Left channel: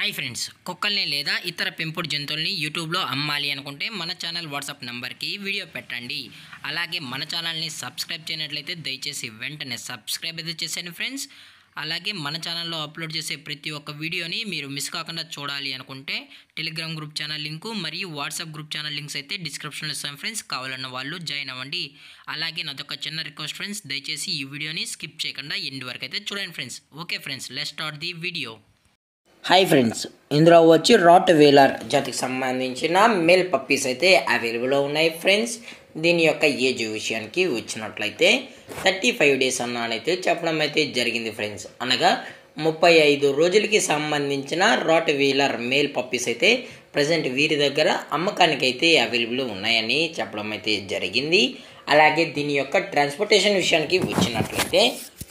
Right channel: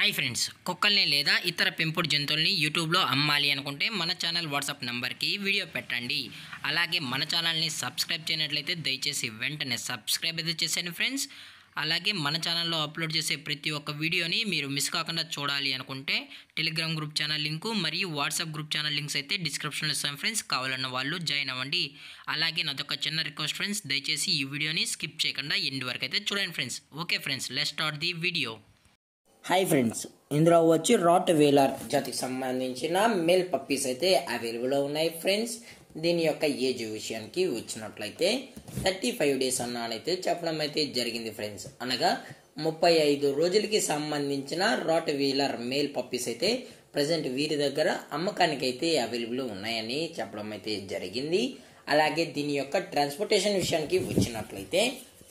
Hi friends, కుక్కల్ని లేదా ఇతర పెంపుడు జంతువుల్ని యూట్యూబ్లో అమ్మాలి అనుకుంటే మన ఛానల్ వాట్సాప్ నెంబర్కి వీడియో పెట్టండి. అలాగే మన ఛానల్ని సబ్స్క్రైబ్ చేయనట్లయితే దయచేసి వెంటనే సబ్స్క్రైబ్ అయితే చేసేయండి ఫ్రెండ్స్. అలాగే మన ఛానల్లో అప్లోడ్ చేసే ప్రతి ఒక్క వీడియోని మీరు మిస్ కాకుండా చూడాలి అనుకుంటే టెలిగ్రామ్ గ్రూప్ ఛానల్ లింకు మరియు వాట్సాప్ గ్రూప్ ఛానల్ లింక్స్ అయితే డిస్క్రిప్షన్లో ఇస్తాను ఫ్రెండ్స్. కావాలన్న వాళ్ళు జాయిన్ అవ్వండి. అలాగే నాదొక చిన్న రిక్వెస్ట్ ఫ్రెండ్స్, దయచేసి ఈ వీడియోని స్కిప్ చేయకుండా ఎండ్ వరకు అయితే చూడండి friends. Okay friends, let's start the video. Hi friends, ఇందులో వచ్చి రాట్ వీలర్ జాతికి సంబంధించిన మేల్ పప్పీస్ అయితే అవైలబుల్లో ఉన్నాయి ఫ్రెండ్స్. దీని యొక్క ఏజ్ విషయానికి వచ్చినట్లయితే 35 డేస్ అన్నానైతే చెప్పడం అయితే జరిగింది ఫ్రెండ్స్. అనగా 35 రోజులకి సంబంధించిన రాట్ వీలర్ మేల్ పప్పీస్ అయితే ప్రజెంట్ వీరి దగ్గర అమ్మకానికి అయితే అవైలబుల్ ఉన్నాయని చెప్పడం అయితే జరిగింది. అలాగే దీని యొక్క ట్రాన్స్పోర్టేషన్ విషయానికి వచ్చినట్లయితే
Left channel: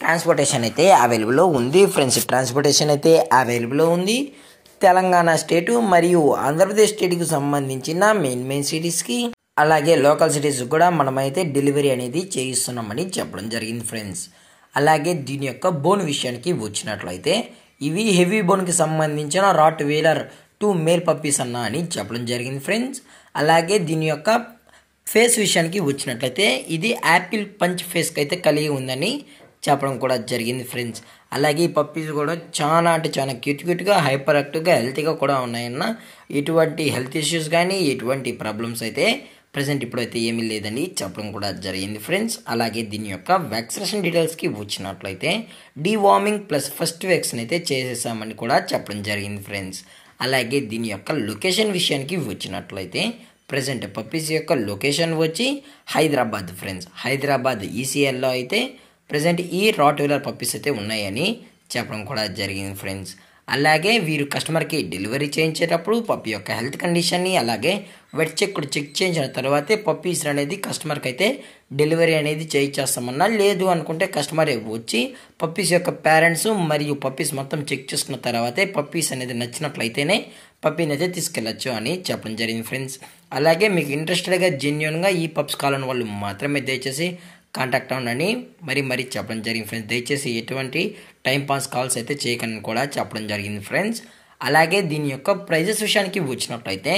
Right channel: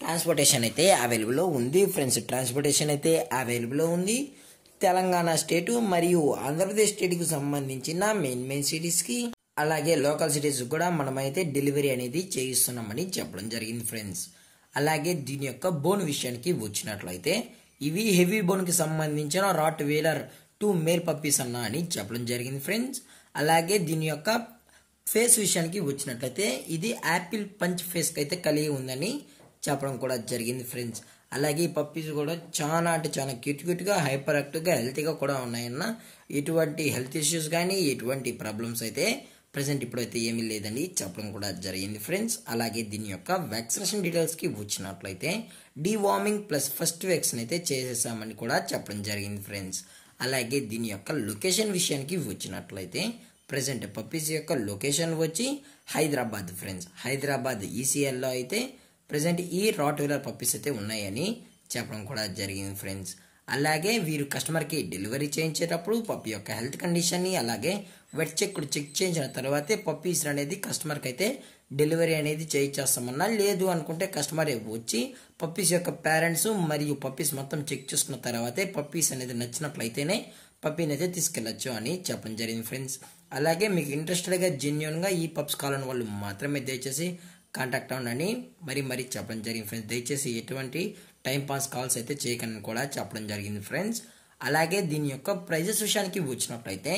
ట్రాన్స్పోర్టేషన్ అయితే అవైలబుల్లో ఉంది ఫ్రెండ్స్. ట్రాన్స్పోర్టేషన్ అయితే అవైలబుల్లో ఉంది. తెలంగాణ స్టేటు మరియు ఆంధ్రప్రదేశ్ స్టేట్కి సంబంధించిన మెయిన్ సిటీస్కి అలాగే లోకల్ సిటీస్ కూడా మనమైతే డెలివరీ అనేది చేయిస్తున్నామని చెప్పడం జరిగింది ఫ్రెండ్స్. అలాగే దీని యొక్క బోన్ విషయానికి వచ్చినట్లయితే ఇవి హెవీ బోన్కి సంబంధించిన రాట్ వీలర్ 2 మేల్ పప్పీస్ అన్న అని చెప్పడం జరిగింది ఫ్రెండ్స్. అలాగే దీని యొక్క ఫేస్ విషయానికి వచ్చినట్లయితే ఇది యాపిల్ పంచ్ ఫేస్కి అయితే కలిగి ఉందని చెప్పడం కూడా జరిగింది ఫ్రెండ్స్. అలాగే ఈ పప్పీస్ కూడా చాలా అంటే చాలా క్యూట్గా హైపర్ యాక్టివ్గా హెల్తీగా కూడా ఉన్నాయన్న. ఎటువంటి హెల్త్ ఇష్యూస్ కానీ ఎటువంటి ప్రాబ్లమ్స్ అయితే ప్రజెంట్ ఇప్పుడైతే ఏమీ లేదని చెప్పడం కూడా జరిగింది ఫ్రెండ్స్. అలాగే దీని యొక్క వ్యాక్సినేషన్ డీటెయిల్స్కి వచ్చినట్లయితే డీవార్మింగ్ ప్లస్ ఫస్ట్ వ్యాక్సిన్ అయితే చేసేసామని కూడా చెప్పడం జరిగింది ఫ్రెండ్స్. అలాగే దీని యొక్క లొకేషన్ విషయానికి వచ్చినట్లయితే ప్రజెంట్ పప్పీస్ యొక్క లొకేషన్ వచ్చి హైదరాబాద్ ఫ్రెండ్స్. హైదరాబాద్ ఈసీఎల్లో అయితే ప్రజెంట్ ఈ రాట్ వీలర్ పప్పీస్ అయితే ఉన్నాయని చెప్పడం కూడా జరిగింది ఫ్రెండ్స్. అలాగే వీరు కస్టమర్కి డెలివరీ చేయించేటప్పుడు పప్పీ యొక్క హెల్త్ కండిషన్ని అలాగే వెట్ చెక్ చేయించిన తర్వాతే పప్పీస్ అనేది కస్టమర్కి అయితే డెలివరీ అనేది చేయించేస్తామన్నా. లేదు అనుకుంటే కస్టమర్ వచ్చి పప్పీస్ యొక్క పేరెంట్స్ మరియు పప్పీస్ మొత్తం చెక్ చేసుకున్న తర్వాతే పప్పీస్ అనేది నచ్చినట్లయితేనే పప్పీని అయితే తీసుకెళ్ళచ్చు అని చెప్పడం జరిగింది ఫ్రెండ్స్. అలాగే మీకు ఇంట్రెస్టెడ్గా జెన్యున్గా ఈ పప్స్ కావాలని వాళ్ళు మాత్రమే దయచేసి కాంటాక్ట్ అవ్వండి మరీ చెప్పడం జరిగింది ఫ్రెండ్స్. దయచేసి ఎటువంటి టైంపాస్ కాల్స్ అయితే చేయకండి కూడా చెప్పడం జరిగింది ఫ్రెండ్స్. అలాగే దీని యొక్క ప్రైజెస్ విషయానికి వచ్చినట్లయితే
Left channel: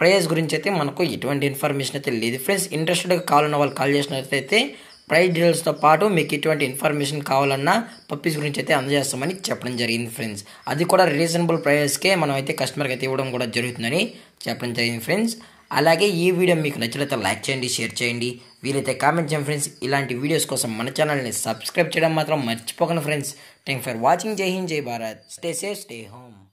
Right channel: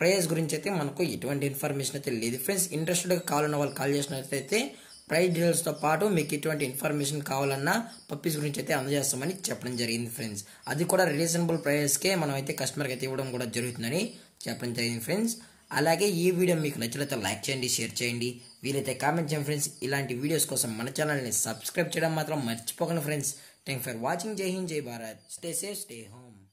ప్రైజెస్ గురించి అయితే మనకు ఎటువంటి ఇన్ఫర్మేషన్ అయితే లేదు ఫ్రెండ్స్. ఇంట్రెస్టెడ్గా కావాలన్న వాళ్ళు కాల్ చేసినట్లయితే ప్రైస్ డీటెయిల్స్తో పాటు మీకు ఎటువంటి ఇన్ఫర్మేషన్ కావాలన్నా పప్పీస్ గురించి అయితే అందజేస్తామని చెప్పడం జరిగింది ఫ్రెండ్స్. అది కూడా రీజనబుల్ ప్రైజెస్కే మనం అయితే కస్టమర్కి అయితే ఇవ్వడం కూడా జరుగుతుందని చెప్పడం జరిగింది ఫ్రెండ్స్. అలాగే ఈ వీడియో మీకు నచ్చినట్లయితే లైక్ చేయండి, షేర్ చేయండి, వీలైతే కామెంట్ చేయండి ఫ్రెండ్స్. ఇలాంటి వీడియోస్ కోసం మన ఛానల్ని సబ్స్క్రైబ్ చేయడం మాత్రం మర్చిపోకండి ఫ్రెండ్స్. Thank for watching. జై హింద్, జై Bharat. Stay safe, stay home.